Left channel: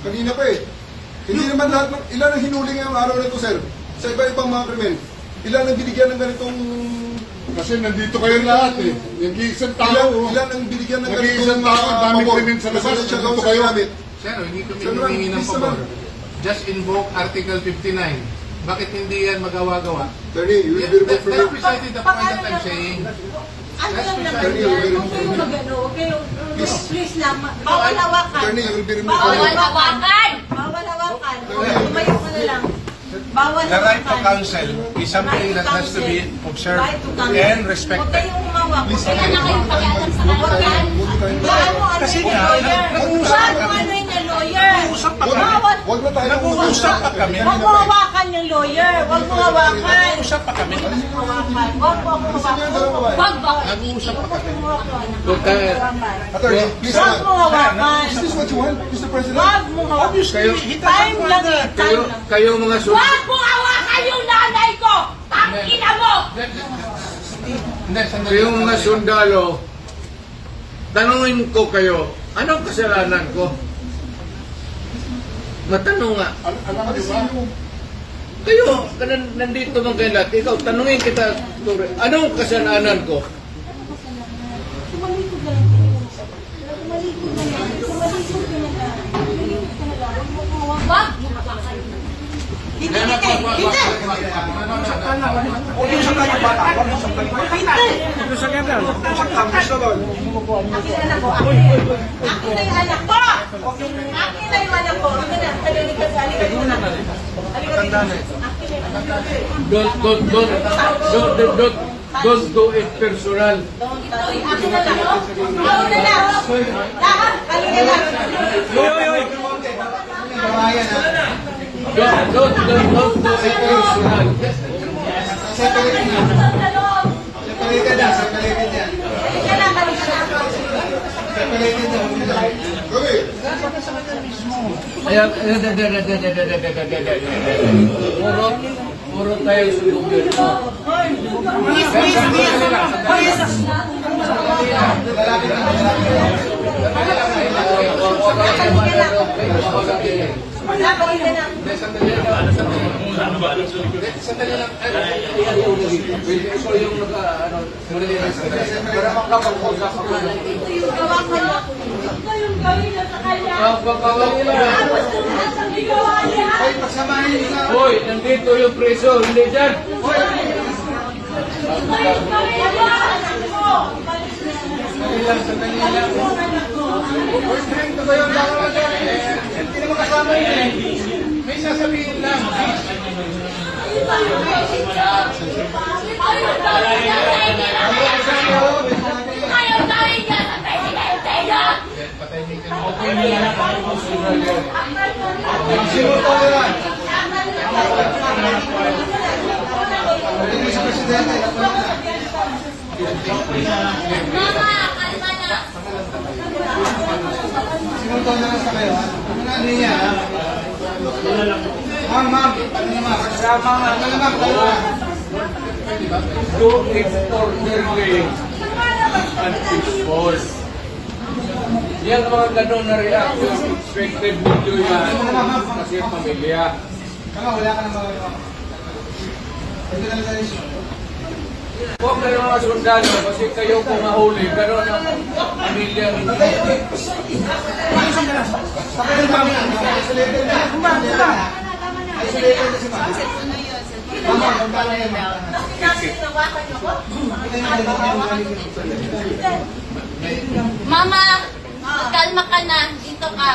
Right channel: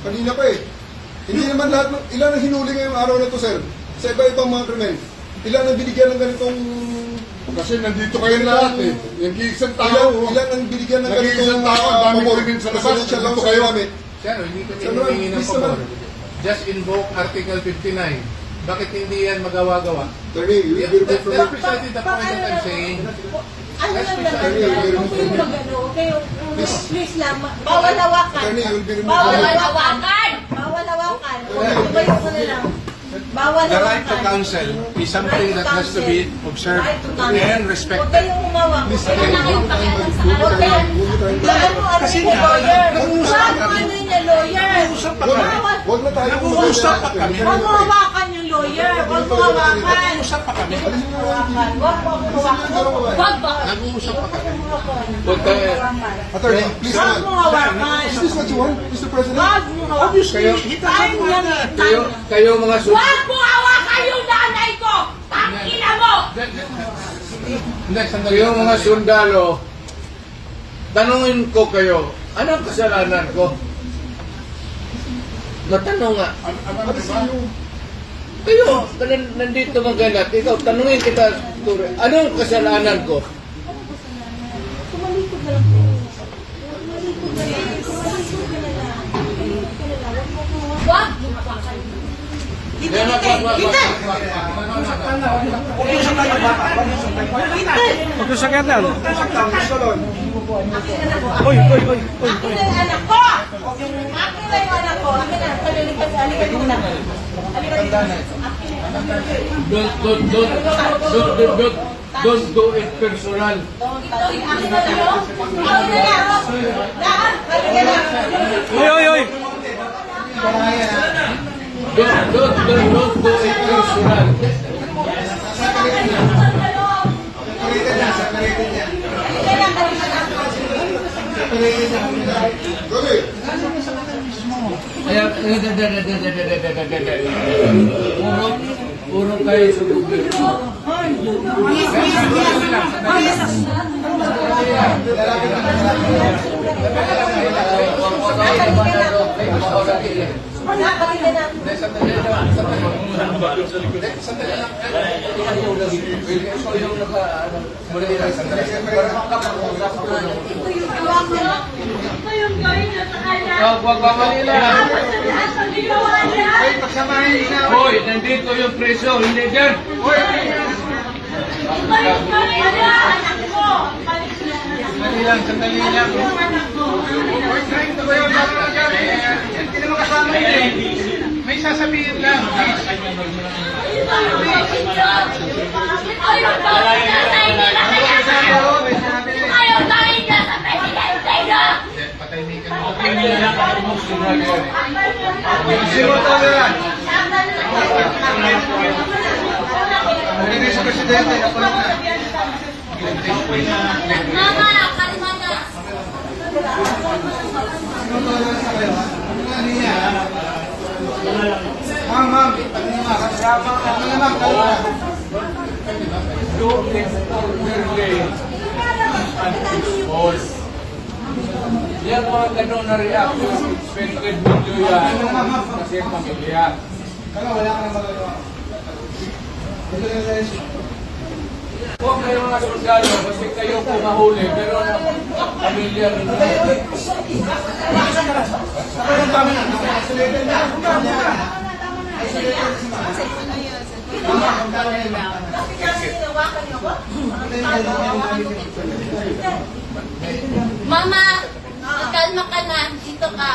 Kanina pa eh. Hindi naman lahat, ilan ang hinuli ngayong araw na ito, sir? Sa iba-ibang mga krimen. Ilan ang binigyan ng ganitong... Kasi nandito kayo lahat eh. Nag-iisang tao. Ilan ang binigyan ng ganitong... Nag-iisang tao, dami krimen sa labas. Nandito kayo. Sir, hindi ko hinihingi ng pabor. Just invoke Article 59. Bakit hindi yan magawa-gawa? Attorney, you will be removed from... That's precisely the point that I'm saying. That's precisely the point. Please lang, bawal hawakan. Attorney, you will be removed Bawal from... hawakan! Bawal hawakan. Tumayo ka na lang. Bawal The right to hawakan. counsel is something that has to be observed and respected. Huwag kayong umawak. Huwag kayong nakipakialam sa huwag kayong... Kasi nga, nag-uusap ka kami. Lawyer. Huwag na tayo. Nag-uusap pa kami. Huwag mo hawakan yung lawyer. Huwag mo hawakan. Nag-uusap pa kami. Huwag mo hawakan. Huwag mo hawakan. Huwag mo. Nag-uusap pa kami. Attorney, please. Huwag mo hawakan. Is this what you want, Mr. President? Huwag mo hawakan. Time lang eh. Time lang. Kayo mga Huwag mo hawakan yung nanay ko! Tangina mo! Kayo mga sundalo, tanungin ko kayo, anong kasalanan ko? Matanong nga. Kayo, nandito mga lahat, ikaw, tanungin kita, anong kasalanan ko? Tumalikod ka lang. Tumalikod ka lang. Tumalikod ka na lang. Tumalikod ka na lang. Huwag mo hawakan. Hindi! Hindi! Huwag yung isang tayo bata. Huwag yung isang tayo bata. Huwag yung isang tayo bata. Huwag yung isang tayo bata. Akin na yung anak ko! Akin na yung anak ko! Akin na, halika muna. Halika dito. Akin na yung anak ko. Don't do it personal. Akin na lang. Akin na lang. Lahat, halika lang. Don't do it personal. Puro kayo sundugin. Hoy, nandito yung preso, hindi dyan. Sandali lang. Hoy, ganito ba yung baka dyan? Hindi naman kasama yun eh. May sasabihin lang. Do it orderly and peaceful. Yan mga ganun na reaction, expected video yan kasi pamilya. Huwag na yung mga sundalo kasi kayo kung mahuli, pero ang pamilya ninyo. Mama, kalma ka na. Dito ka.